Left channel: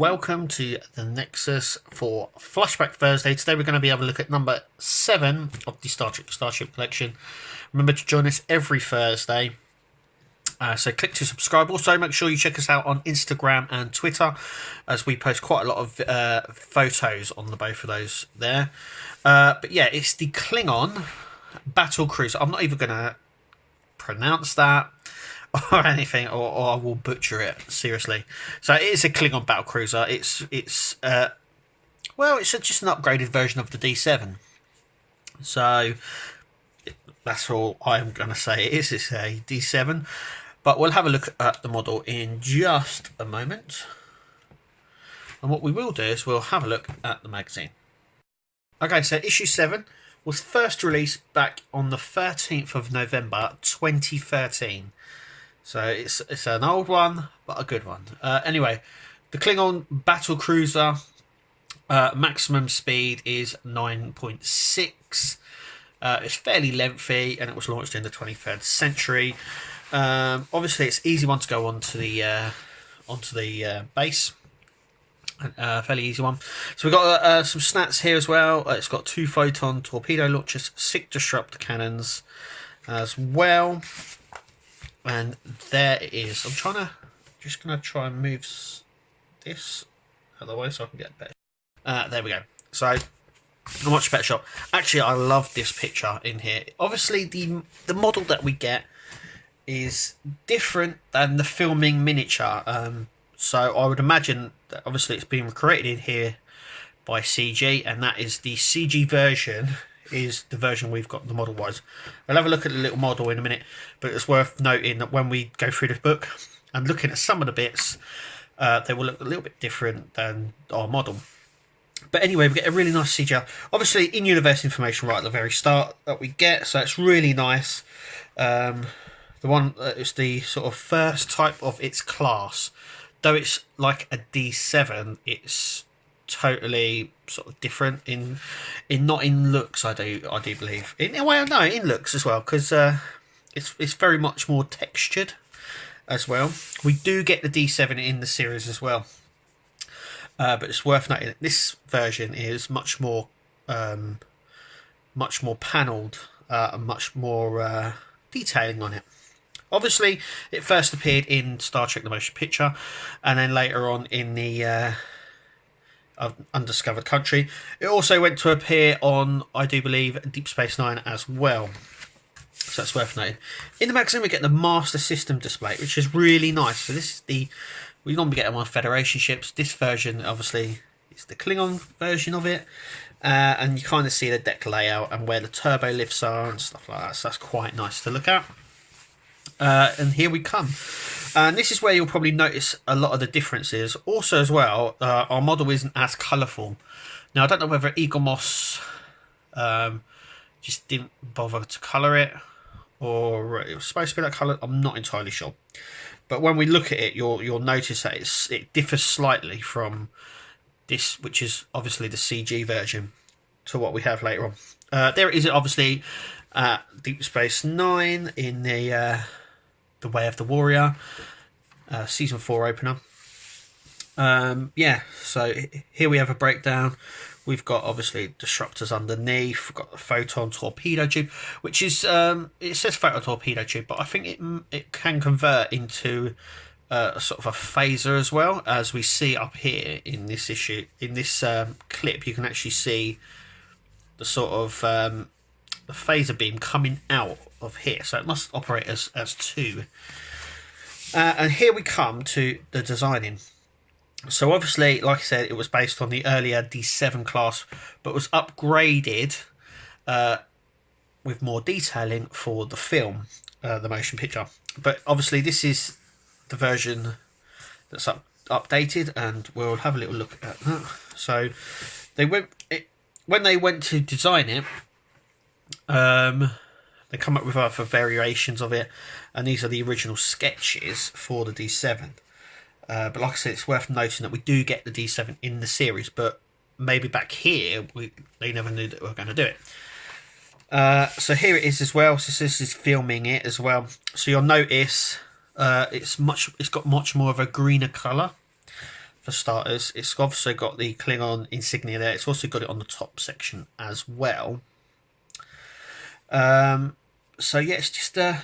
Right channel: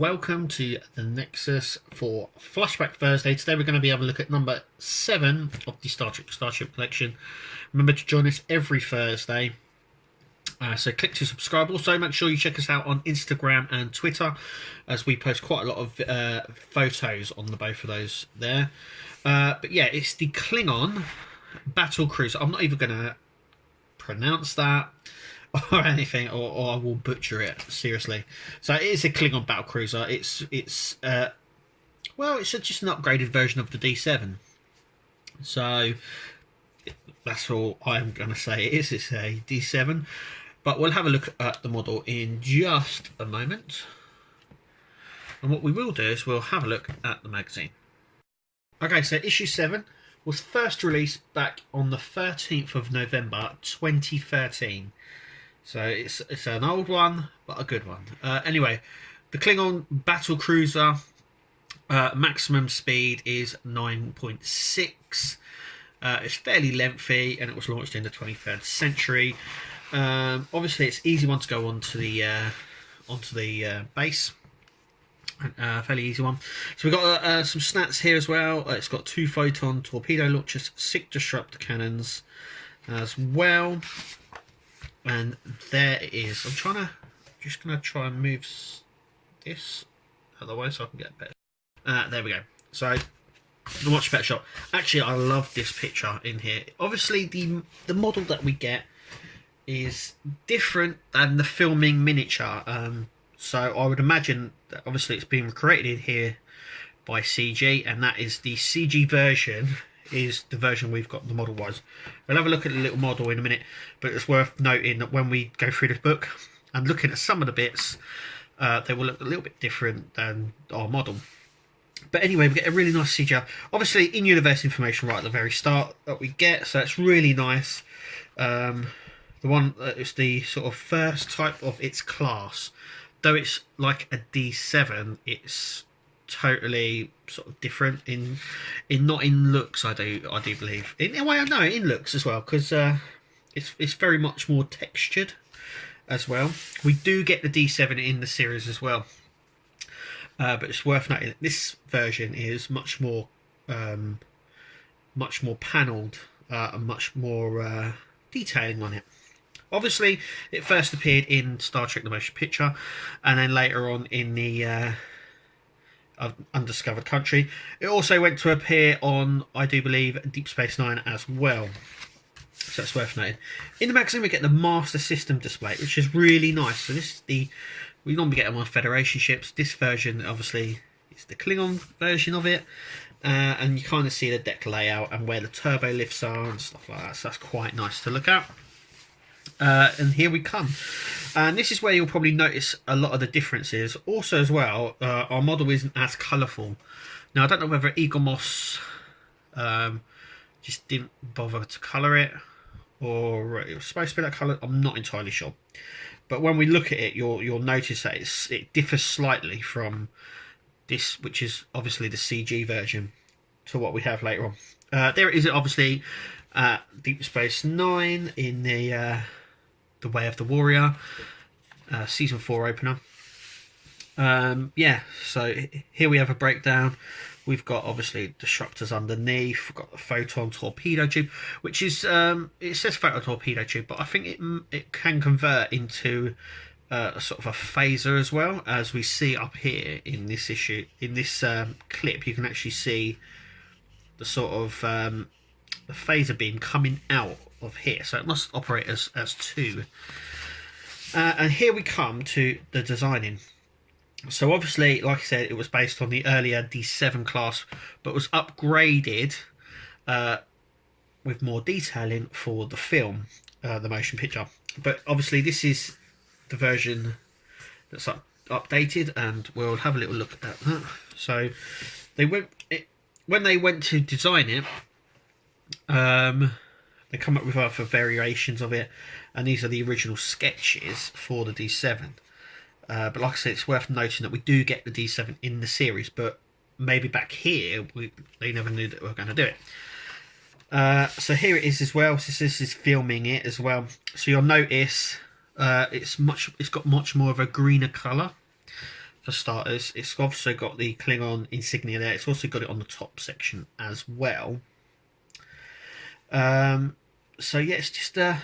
welcome to the Nexus for Flashback Thursday. Today we're going to be having a look at number 7 of the Starship collection. Remember to join us every Thursday. So click to subscribe. Also, make sure you check us out on Instagram and Twitter, as we post quite a lot of photos on the both of those there. But yeah, it's the Klingon battle cruiser. I'm not even going to pronounce that or anything, or I will butcher it, seriously. So it is a Klingon battle cruiser. It's just an upgraded version of the D7. So that's all I'm going to say. It's a D7, but we'll have a look at the model in just a moment. And what we will do is we'll have a look at the magazine. Okay, so issue 7 was first released back on the 13th of November 2013. So it's an old one, but a good one. Anyway, the Klingon battle cruiser maximum speed is 9.6. It's fairly lengthy, and it was launched in the 23rd century. Obviously, it's an easy one to go onto the base. Fairly easy one. So we've got some stats here as well. It's got 2 photon torpedo launchers, 6 disruptor cannons as well. And there it is. Just gonna try and move this out of the way so I can get better. There we go. So a much better shot. Actually, I love this picture in here. Obviously, the model that we get is different than the filming miniature. So I would imagine that obviously it's been created here by CG, and that is the CG version. Is the version we've got the model wise. I'll have a look at the little model in a minute, but it's worth noting that when we go through this book and looking at some of the bits, they will look a little bit different than our model. But anyway, we get a really nice CGI. Obviously, in-universe information right at the very start that we get, so it's really nice. The one it's the sort of first type of its class. Though it's like a D7, it's totally sort of different in not in looks. I do believe in a way. No, in looks as well, because it's very much more textured as well. We do get the D7 in the series as well, but it's worth noting that this version is much more panelled, and much more detailing on it. Obviously, it first appeared in Star Trek: The Motion Picture, and then later on in the Undiscovered Country. It also went to appear on, I do believe, Deep Space Nine as well. So that's worth noting. In the magazine, we get the Master System display, which is really nice. So this is we normally get them on Federation ships. This version, obviously, is the Klingon version of it. And you kind of see the deck layout and where the turbo lifts are and stuff like that. So that's quite nice to look at. And here we come. And this is where you'll probably notice a lot of the differences. Also as well, our model isn't as colourful. Now, I don't know whether Eagle Moss just didn't bother to colour it, or it was supposed to be that colour. I'm not entirely sure. But when we look at it, you'll notice that it differs slightly from this, which is obviously the CG version, to what we have later on. There it is, obviously, Deep Space Nine in the Way of the Warrior, season 4 opener. Yeah, so here we have a breakdown. We've got obviously disruptors underneath. We've got the photon torpedo tube, which is it says photon torpedo tube, but I think it can convert into a sort of a phaser as well, as we see up here in this issue. In this clip, you can actually see the sort of the phaser beam coming out of here, so it must operate as 2. And here we come to the designing. So obviously, like I said, it was based on the earlier D7 class, but was upgraded with more detailing for the film, the motion picture. But obviously, this is the version that's updated, and we'll have a little look at that. So when they went to design it, they come up with other variations of it, and these are the original sketches for the D7. But like I said, it's worth noting that we do get the D7 in the series, but maybe back here they never knew that we were going to do it. So here it is as well. So this is filming it as well. So you'll notice it's got much more of a greener colour for starters. It's also got the Klingon insignia there. It's also got it on the top section as well. So yeah, it's just the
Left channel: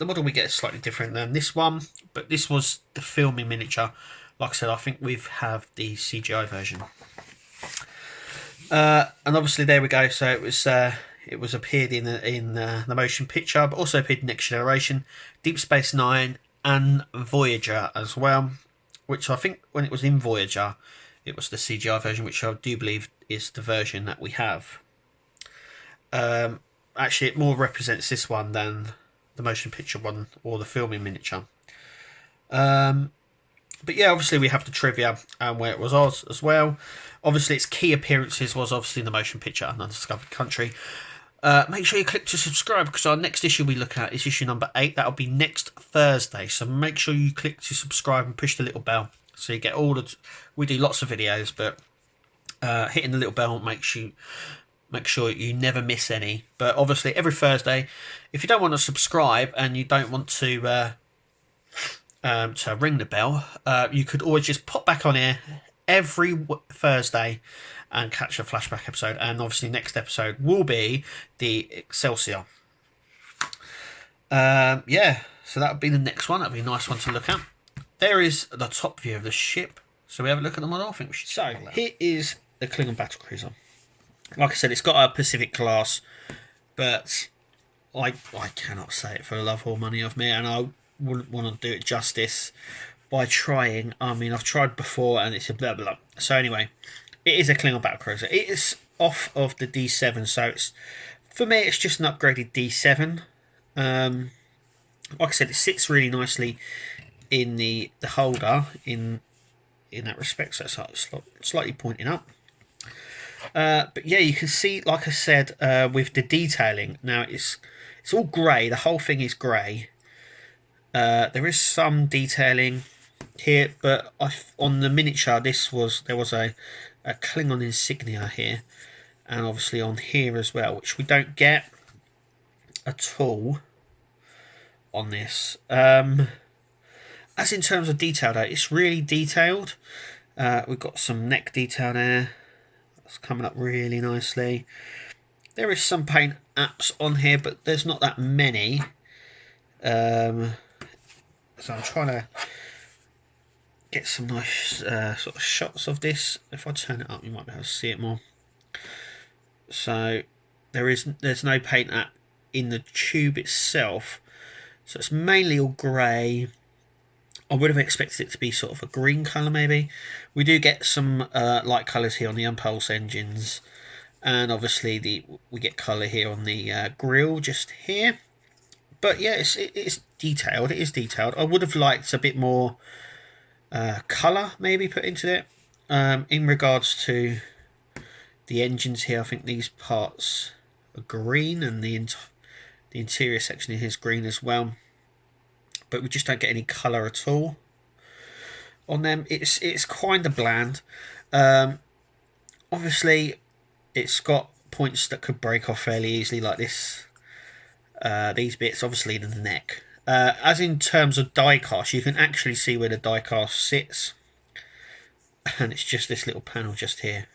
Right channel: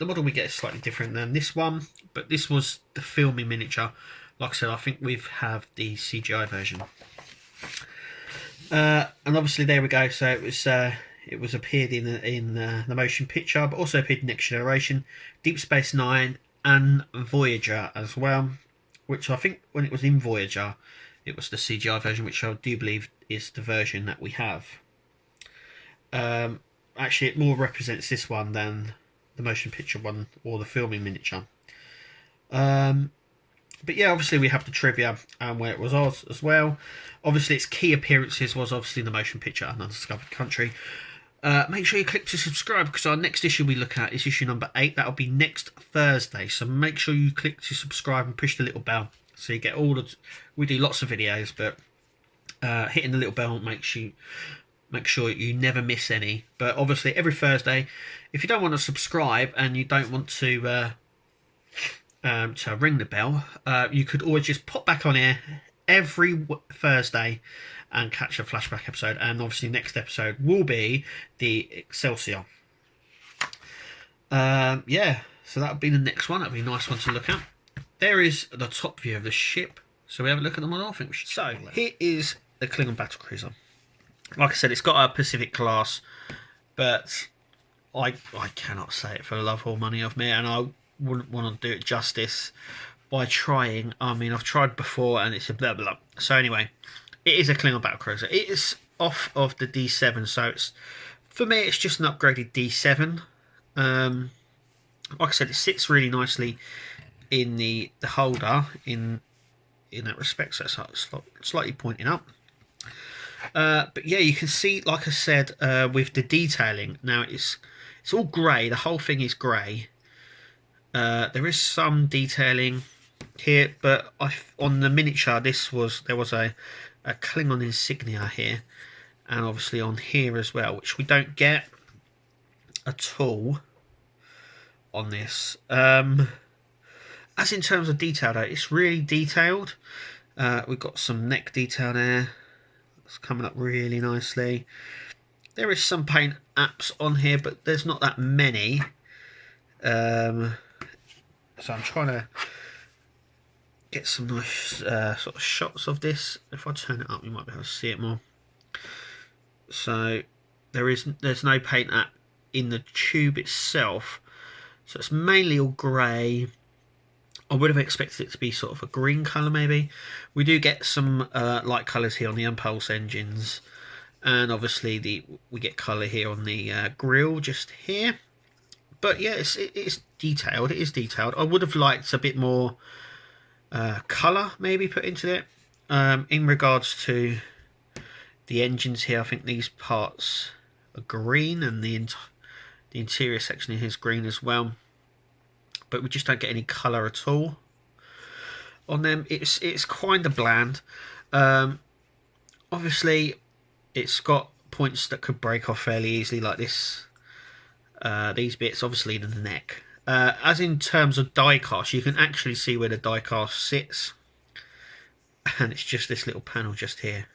model we get is slightly different than this one, but this was the filming miniature. Like I said, I think we have the CGI version. And obviously there we go. So it was appeared in the motion picture, but also appeared in Next Generation, Deep Space Nine, and Voyager as well. Which I think when it was in Voyager, it was the CGI version, which I do believe is the version that we have. Actually, it more represents this one than the motion picture one or the filming miniature. But yeah, obviously we have the trivia and where it was as well. Obviously, its key appearances was obviously in the motion picture and Undiscovered Country. Make sure you click to subscribe, because our next issue we look at is issue number 8. That'll be next Thursday. So make sure you click to subscribe and push the little bell so you get all the. We do lots of videos, but hitting the little bell makes you make sure you never miss any. But obviously, every Thursday, if you don't want to subscribe and you don't want to ring the bell, you could always just pop back on here every Thursday and catch a flashback episode. And obviously next episode will be the Excelsior. Yeah, so that would be the next one. That would be a nice one to look at. There is the top view of the ship. So we have a look at the model. I think we should. So here is the Klingon battlecruiser. Like I said, it's got a Pacific class, but I cannot say it for the love or money of me, and I wouldn't want to do it justice by trying. I mean, I've tried before and it's a blah blah. So anyway, it is a Klingon battlecruiser. It is off of the D7, so it's, for me, it's just an upgraded D7. Like I said, it sits really nicely in the holder in that respect, so it's slightly pointing up. But yeah, you can see, like I said, with the detailing. Now it's all grey. The whole thing is grey. There is some detailing here, but on the miniature, there was a Klingon insignia here, and obviously on here as well, which we don't get at all on this. As in terms of detail, though, it's really detailed. We've got some neck detail there. That's coming up really nicely. There is some paint apps on here, but there's not that many. So I'm trying to get some nice sort of shots of this. If I turn it up, you might be able to see it more. So there's no paint app in the tube itself, so it's mainly all grey. I would have expected it to be sort of a green colour maybe. We do get some light colours here on the impulse engines, and obviously we get colour here on the grille just here. But yeah, it's detailed. It is detailed. I would have liked a bit more colour maybe put into it. In regards to the engines here, I think these parts are green, and the interior section here is green as well. But we just don't get any colour at all on them. It's kind of bland. Obviously, it's got points that could break off fairly easily, like this. These bits, obviously, in the neck. As in terms of die cast, you can actually see where the die cast sits, and it's just this little panel just here.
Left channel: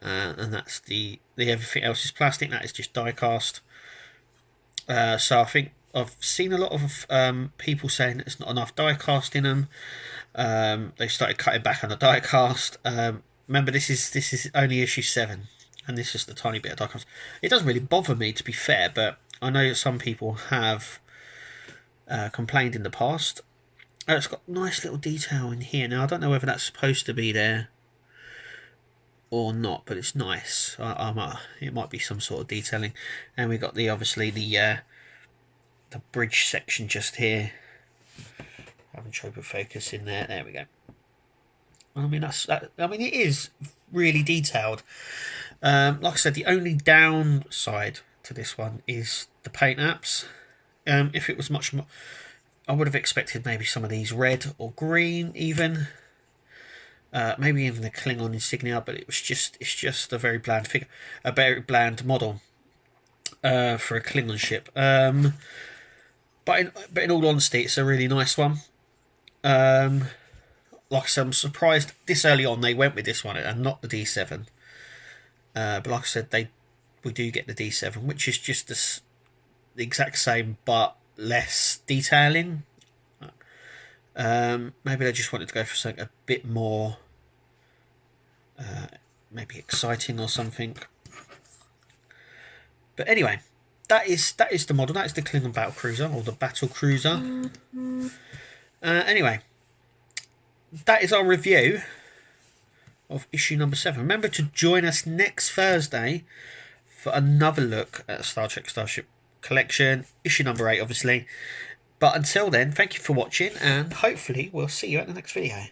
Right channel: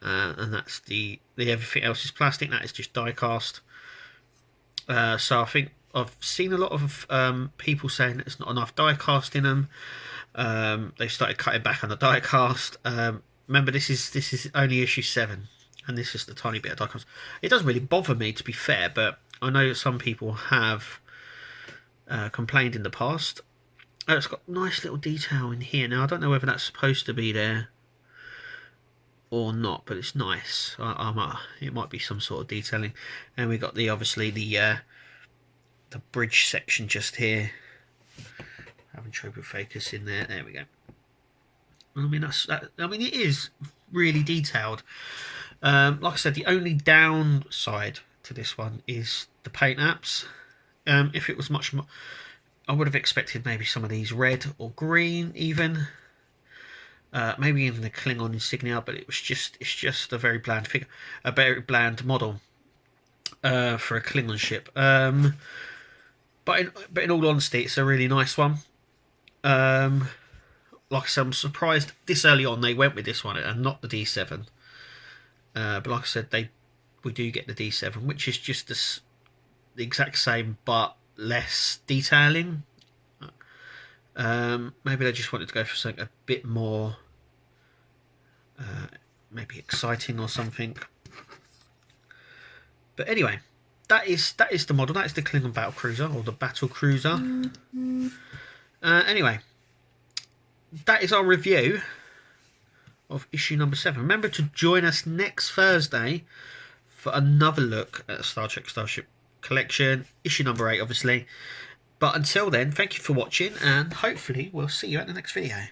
And that's the everything else is plastic. That is just die cast. So I think I've seen a lot of people saying that there's not enough die cast in them. They started cutting back on the die cast. Remember, this is only issue 7, and this is just a tiny bit of die cast. It doesn't really bother me, to be fair, but I know some people have complained in the past. It's got nice little detail in here. Now, I don't know whether that's supposed to be there or not, but it's nice. It might be some sort of detailing. And we got obviously the bridge section just here. Having trouble focus in there. There we go. I mean, it is really detailed. Like I said, the only downside to this one is the paint apps. If it was much more, I would have expected maybe some of these red or green even. Maybe even the Klingon insignia, but it's just a very bland figure, a very bland model for a Klingon ship. But in all honesty, it's a really nice one. Like like I said, I'm surprised this early on they went with this one and not the D7. But like I said, we do get the D7, which is just the exact same but less detailing. Maybe they just wanted to go for something a bit more maybe exciting or something. But anyway, that is the model. That is the Klingon battle cruiser, or the battle cruiser. Anyway, that is our review of issue number 7. Remember to join us next Thursday for another look at Star Trek Starship Collection, issue number 8, obviously. But until then, thank you for watching, and hopefully we'll see you at the next video.